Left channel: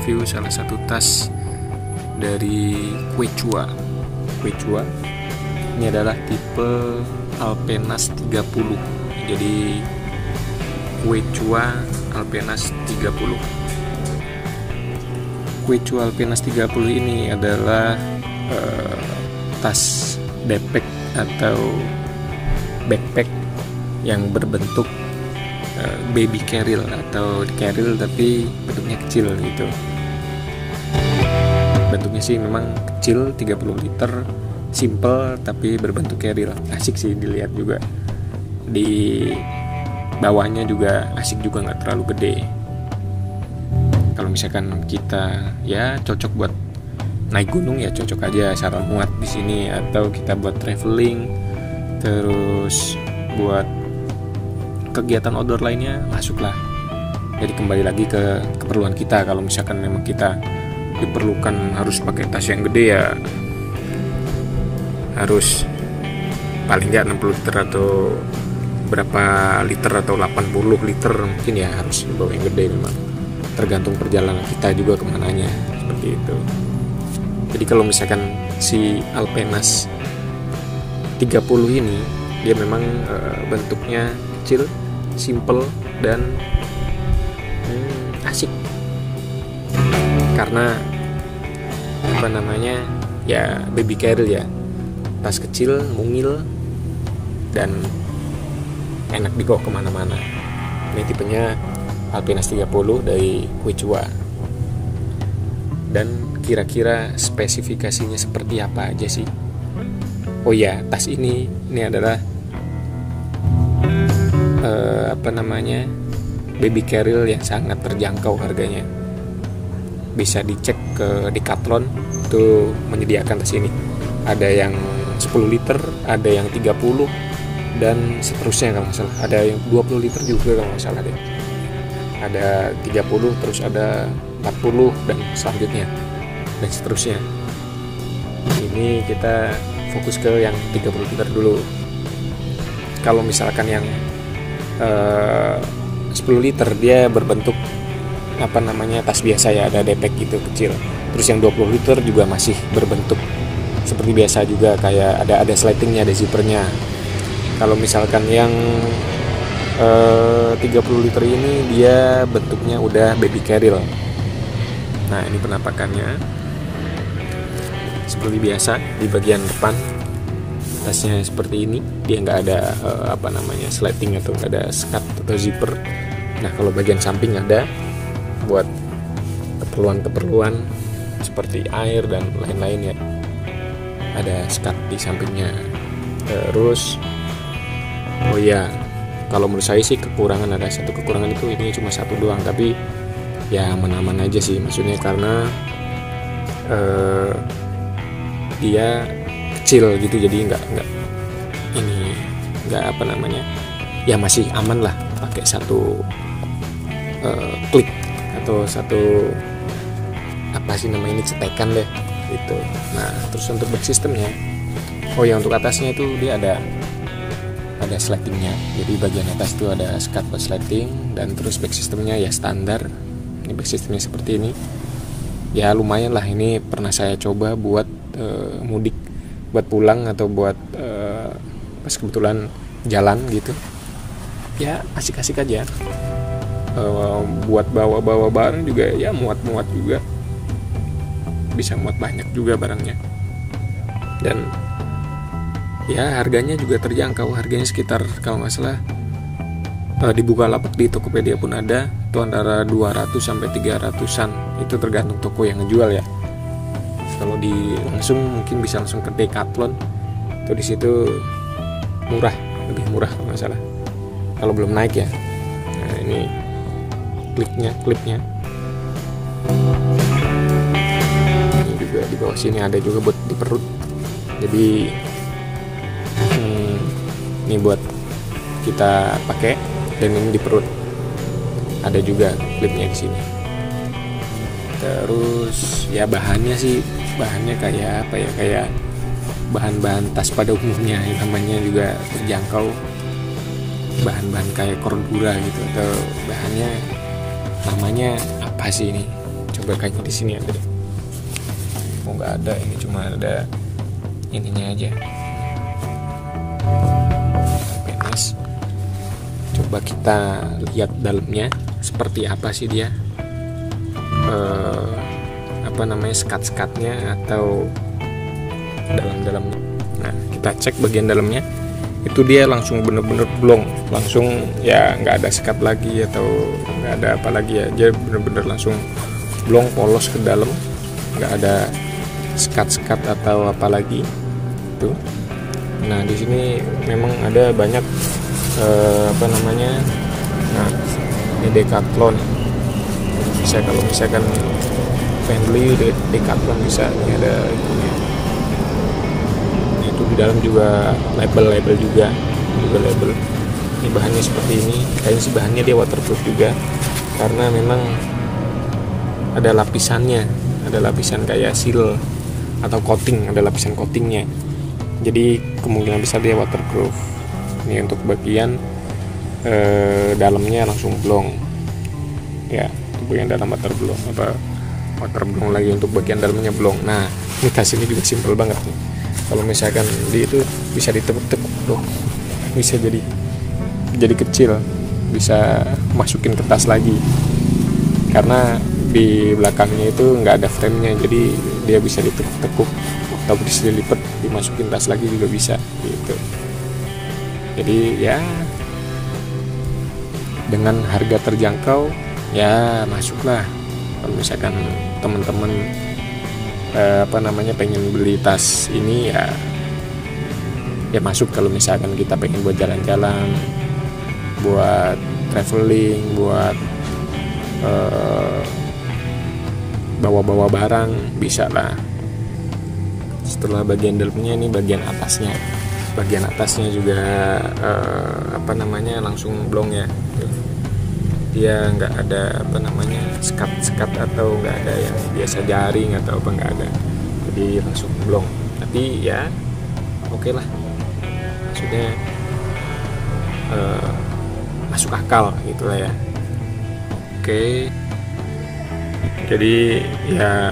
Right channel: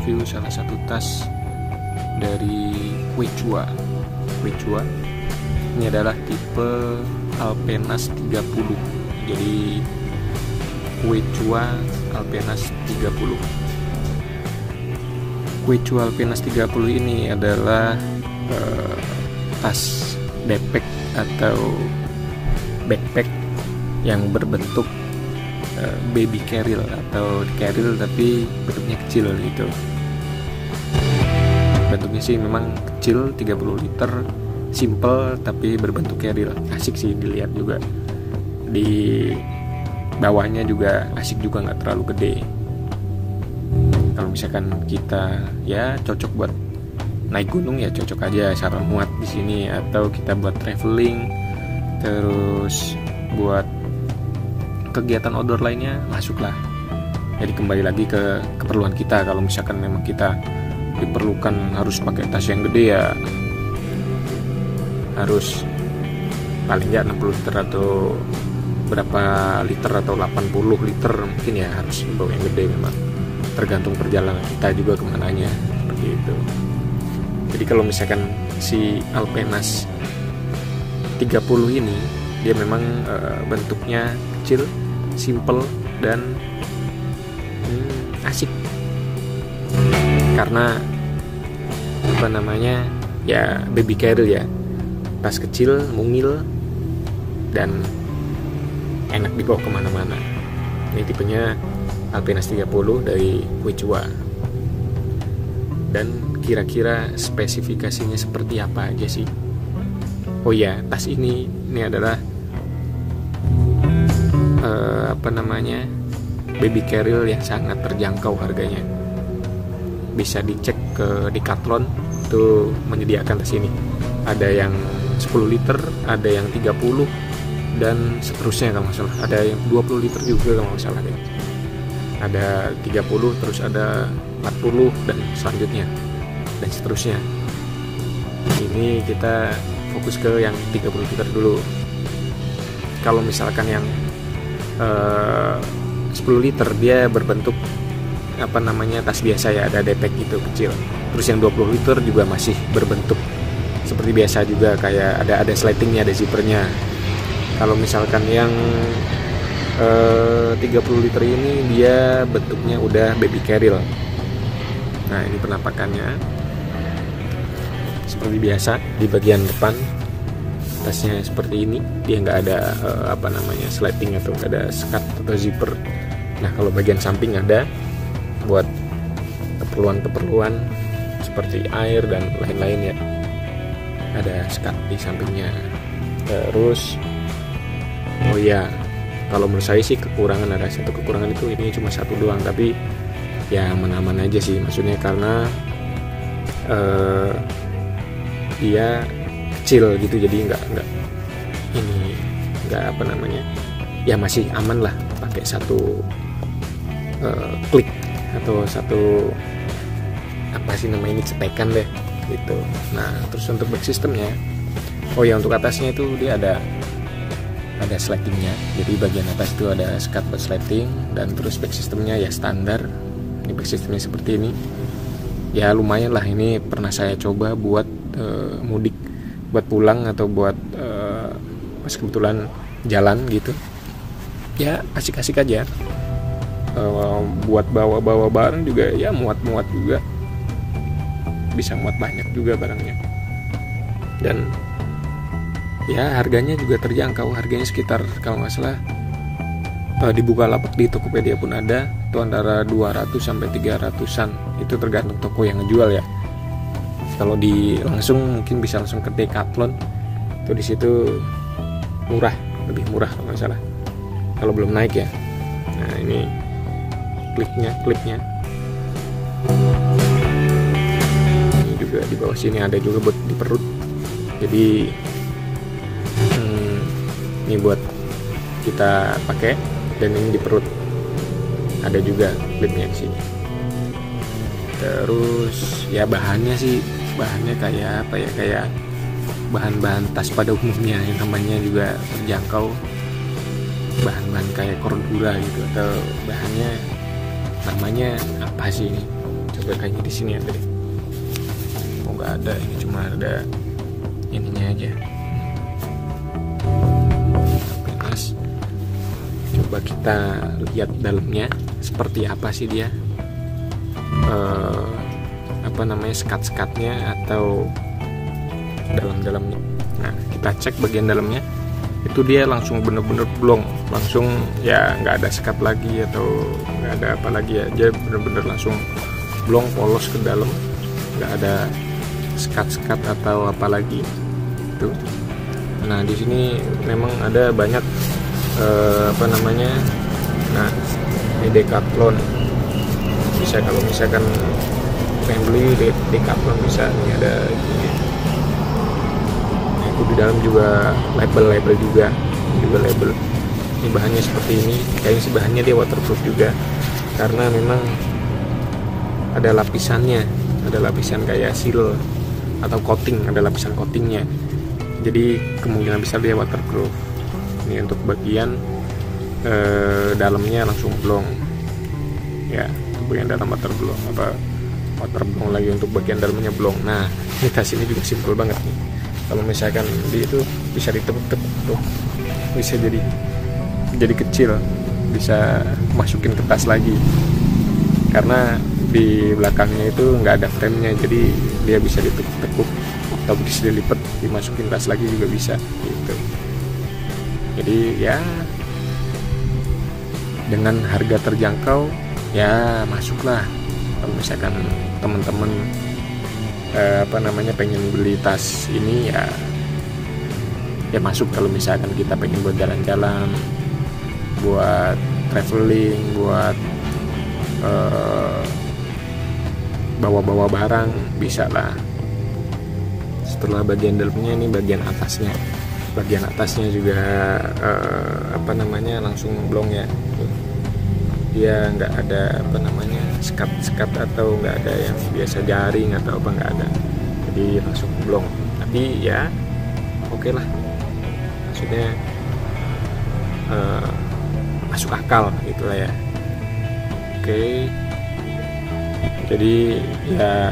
review salah satu tas dari Quechua. Ini adalah tipe Alpenas 30. Jadi Quechua Alpenas 30. Quechua Alpenas 30 ini adalah tas backpack atau backpack yang berbentuk baby carrier atau carrier tapi bentuknya kecil gitu. Bentuknya sih memang kecil, 30 liter, simple tapi berbentuk carrier. Asik sih dilihat juga. Di bawahnya juga asik juga, nggak terlalu gede. Kalau misalkan kita ya cocok buat naik gunung ya cocok aja, sarang muat di sini, atau kita buat traveling, terus buat kegiatan outdoor lainnya masuklah. Jadi kembali lagi ke keperluan kita. Kalau misalkan memang kita diperlukan harus pakai tas yang gede ya harus paling nggak 60 liter atau berapa liter atau 80 liter mungkin ya harus bawa yang gede memang. Tergantung perjalanan kita juga kemananya seperti itu. Jadi kalau misalkan si Alpenas 30 ini dia memang bentuknya kecil, simple dan asik. Karena apa namanya ya baby carrier ya, tas kecil, mungil dan enak dibawa kemana-mana. Ini tipenya Alpenas 30 dari Quechua. Dan kira-kira spesifikasinya seperti apa aja sih? Oh ya, tas ini adalah baby carrier yang sangat terjangkau harganya. Bisa dicek ke Decathlon itu menyediakan tas ini. Ada yang 10 liter, ada yang 30 dan seterusnya kalau nggak salah. Ada yang 20 liter juga kalau nggak salah deh. Ada 30, terus ada 40 dan selanjutnya dan seterusnya. Ini kita fokus ke yang 30 liter dulu. Kalau misalkan yang 10 liter dia berbentuk tas biasa ya, ada depek gitu kecil. Terus yang 20 liter juga masih berbentuk seperti biasa juga, kayak ada sletingnya, ada zippernya. Kalau misalkan yang 30 liter ini dia bentuknya udah baby carrier. Nah, ini penampakannya seperti biasa. Di bagian depan tasnya seperti ini, dia nggak ada sleting atau ada skat atau zipper. Nah, kalau bagian samping ada buat keperluan seperti air dan lain-lain ya, ada skat di sampingnya. Terus oh ya, kalau menurut saya sih ada satu kekurangan itu, ini cuma satu doang, tapi ya aman-aman aja sih, maksudnya karena dia kecil gitu, jadi nggak ya masih aman lah pakai satu klik atau satu cetekan deh gitu. Nah, terus untuk back systemnya, oh ya untuk atasnya itu dia ada sletingnya. Jadi bagian atas itu ada skat buat sleting, dan terus back systemnya ya standar. Ini back systemnya seperti ini. Ya lumayan lah, ini pernah saya coba buat mudik, buat pulang atau buat pas kebetulan jalan gitu. Ya asik-asik aja. Buat bawa barang juga ya muat juga. Bisa muat banyak juga barangnya. Dan ya harganya juga terjangkau, harganya sekitar kalau nggak salah di Bukalapak, di Tokopedia pun ada, itu antara 200 sampai 300-an, itu tergantung toko yang ngejual ya. Kalau di langsung mungkin bisa langsung ke Decathlon, itu di situ lebih murah kalau nggak salah, kalau belum naik ya. Nah, ini klipnya juga di bawah sini, ada juga buat di perut. Jadi ini buat kita pakai, dan ini di perut ada juga klipnya di sini. Terus ya bahannya kayak kayak bahan-bahan tas pada umumnya ya, namanya juga terjangkau, bahan-bahan kayak cordura gitu, atau bahannya namanya apa sih ini, coba juga kayaknya di sini ya tadi. Oh nggak ada, ini cuma ada ininya aja. Terus coba kita lihat dalamnya seperti apa sih dia, apa namanya, skat-skatnya atau dalam-dalamnya. Nah, kita cek bagian dalamnya, itu dia langsung bener-bener blong, langsung ya nggak ada sekat lagi atau nggak ada apa lagi ya, dia bener-bener langsung blong, polos ke dalam, nggak ada sekat-sekat atau apa lagi tuh. Nah di sini memang ada banyak apa namanya, nah ini Decathlon, bisa kalau misalkan pengen beli Decathlon bisa, ini ada di dalam juga label juga label. Ini bahannya seperti ini, kayaknya sih bahannya dia waterproof juga, karena memang ada lapisannya, ada lapisan kayak seal atau coating, ada lapisan coatingnya, jadi kemungkinan besar dia waterproof. Ini untuk bagian dalamnya langsung blong ya, bagian dalam waterproof, waterproof lagi untuk bagian dalamnya blong. Nah ini tas ini juga simpel banget nih. Kalau misalkan di itu bisa ditekuk-tekuk tuh, bisa jadi kecil, bisa masukin ke tas lagi, karena di belakangnya itu nggak ada frame-nya, jadi dia bisa ditekuk-tekuk atau bisa dilipat dimasukin tas lagi juga bisa gitu. Jadi ya dengan harga terjangkau ya masuklah. Kalau misalkan teman-teman apa namanya pengen beli tas ini ya masuk. Kalau misalkan kita pengen buat jalan-jalan, buat traveling, buat bawa-bawa barang, bisa lah. Setelah bagian dalamnya, ini bagian atasnya. Bagian atasnya juga apa namanya langsung blong ya. Dia nggak ada apa namanya sekat atau nggak ada yang biasa jaring atau apa, nggak ada, jadi langsung blong. Tapi ya oke lah, maksudnya masuk akal gitu lah ya. Oke, jadi ya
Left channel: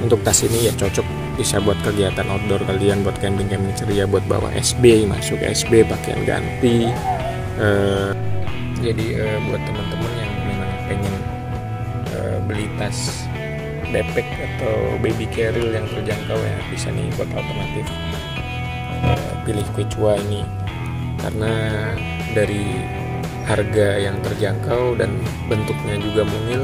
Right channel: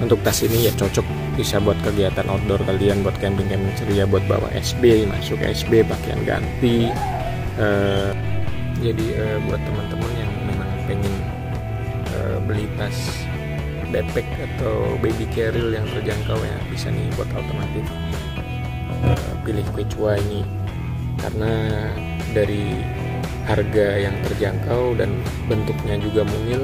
untuk tas ini ya cocok, bisa buat kegiatan outdoor kalian, buat camping ceria, buat bawa SB, masuk SB pakaian ganti. Jadi buat teman-teman yang pengen beli tas backpack atau baby carrier yang terjangkau ya, bisa nih buat alternatif pilih Quechua ini, karena dari harga yang terjangkau dan bentuknya juga mungil,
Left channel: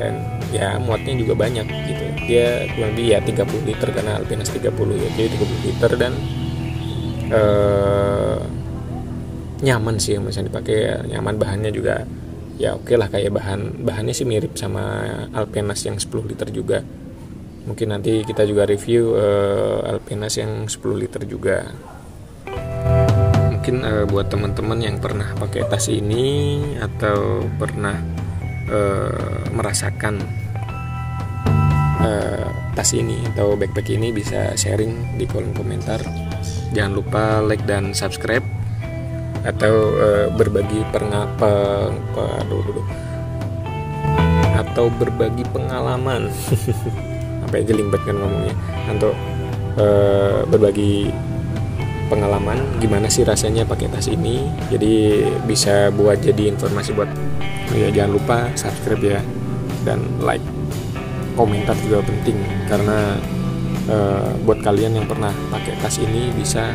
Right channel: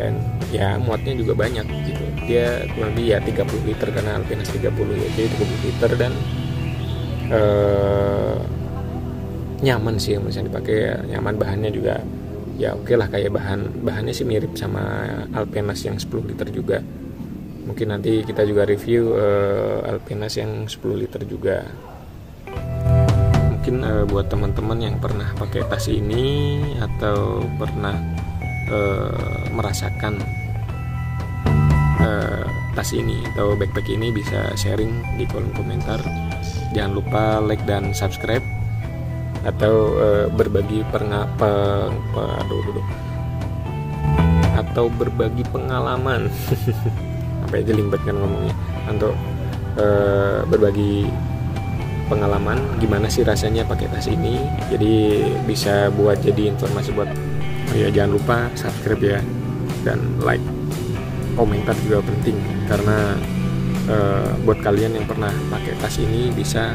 dan ya muatnya juga banyak gitu. Dia kurang lebih ya 30 liter karena Alpinas 30 ya, jadi 30 liter dan nyaman sih misalnya dipakai ya, nyaman. Bahannya juga ya oke lah, kayak bahannya sih mirip sama Alpinas yang 10 liter juga. Mungkin nanti kita juga review Alpinas yang 10 liter juga. Mungkin buat teman-teman yang pernah pakai tas ini atau pernah merasakan tas ini atau backpack ini, bisa sharing di kolom komentar. Jangan lupa like dan subscribe, atau berbagi atau berbagi pengalaman apa aja limbet kan ngomongnya, untuk berbagi pengalaman gimana sih rasanya pakai tas ini. Jadi bisa buat jadi informasi buat ya. Jangan lupa subscribe ya, dan like, komentar juga penting, karena buat kalian yang pernah pakai tas ini bisa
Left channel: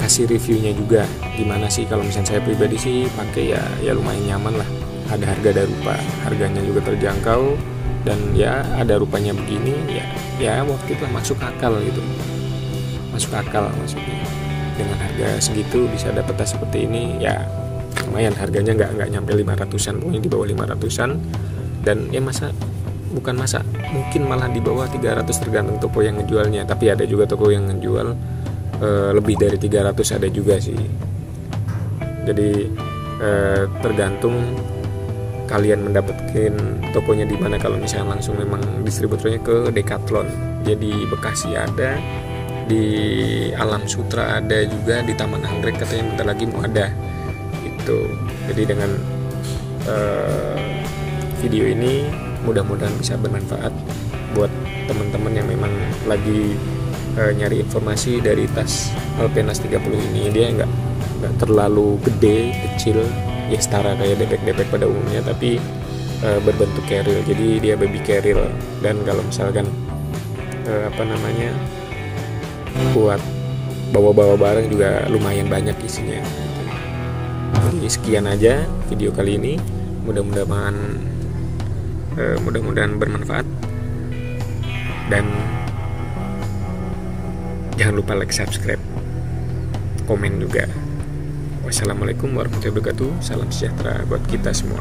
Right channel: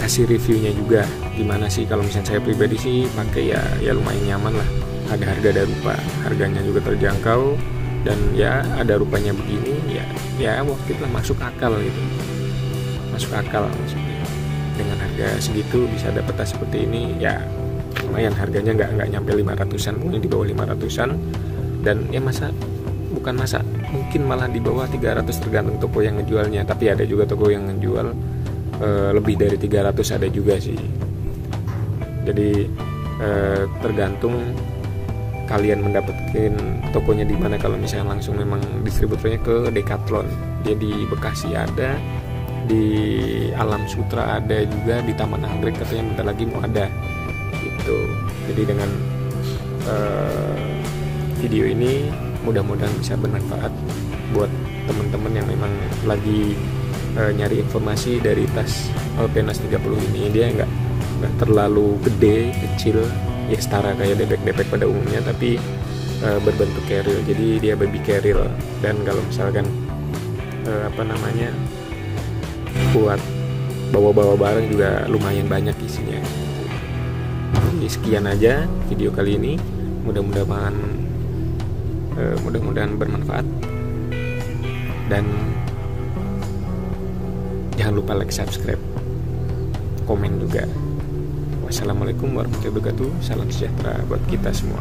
kasih reviewnya juga gimana sih. Kalau misalnya saya pribadi sih pakai ya lumayan nyaman lah, ada harga dan rupa, harganya juga terjangkau, dan ya ada rupanya begini ya waktu itu masuk akal gitu, masuk akal maksudnya. Dengan harga segitu bisa dapat tas seperti ini ya lumayan. Harganya nggak nyampe 500-an, pokoknya di bawah 500-an, dan ya mungkin malah di bawah 300 tergantung toko yang ngejualnya. Tapi ada juga toko yang ngejual lebih dari 300, ada juga sih. Jadi tergantung kalian mendapatkan tokonya di mana. Kalau misalnya langsung memang distributornya ke Decathlon, jadi Bekasi ada, di Alam Sutra ada juga, di Taman Anggrek katanya bentar lagi mau ada gitu. Jadi dengan video ini mudah-mudahan bisa bermanfaat buat teman-teman yang memang lagi nyari informasi dari tas Alpenas 30 ini. Dia nggak terlalu gede, kecil, ya setara kayak bebek-bebek pada umumnya, tapi berbentuk carrier, jadi dia baby carrier. Dan kalau misalkan buat bawa-bawa barang juga lumayan banyak isinya. Jadi sekian aja video kali ini, mudah-mudahan bermanfaat, dan jangan lupa like, subscribe, komen juga. Wassalamualaikum warahmatullahi wabarakatuh. Salam sejahtera buat kita semua.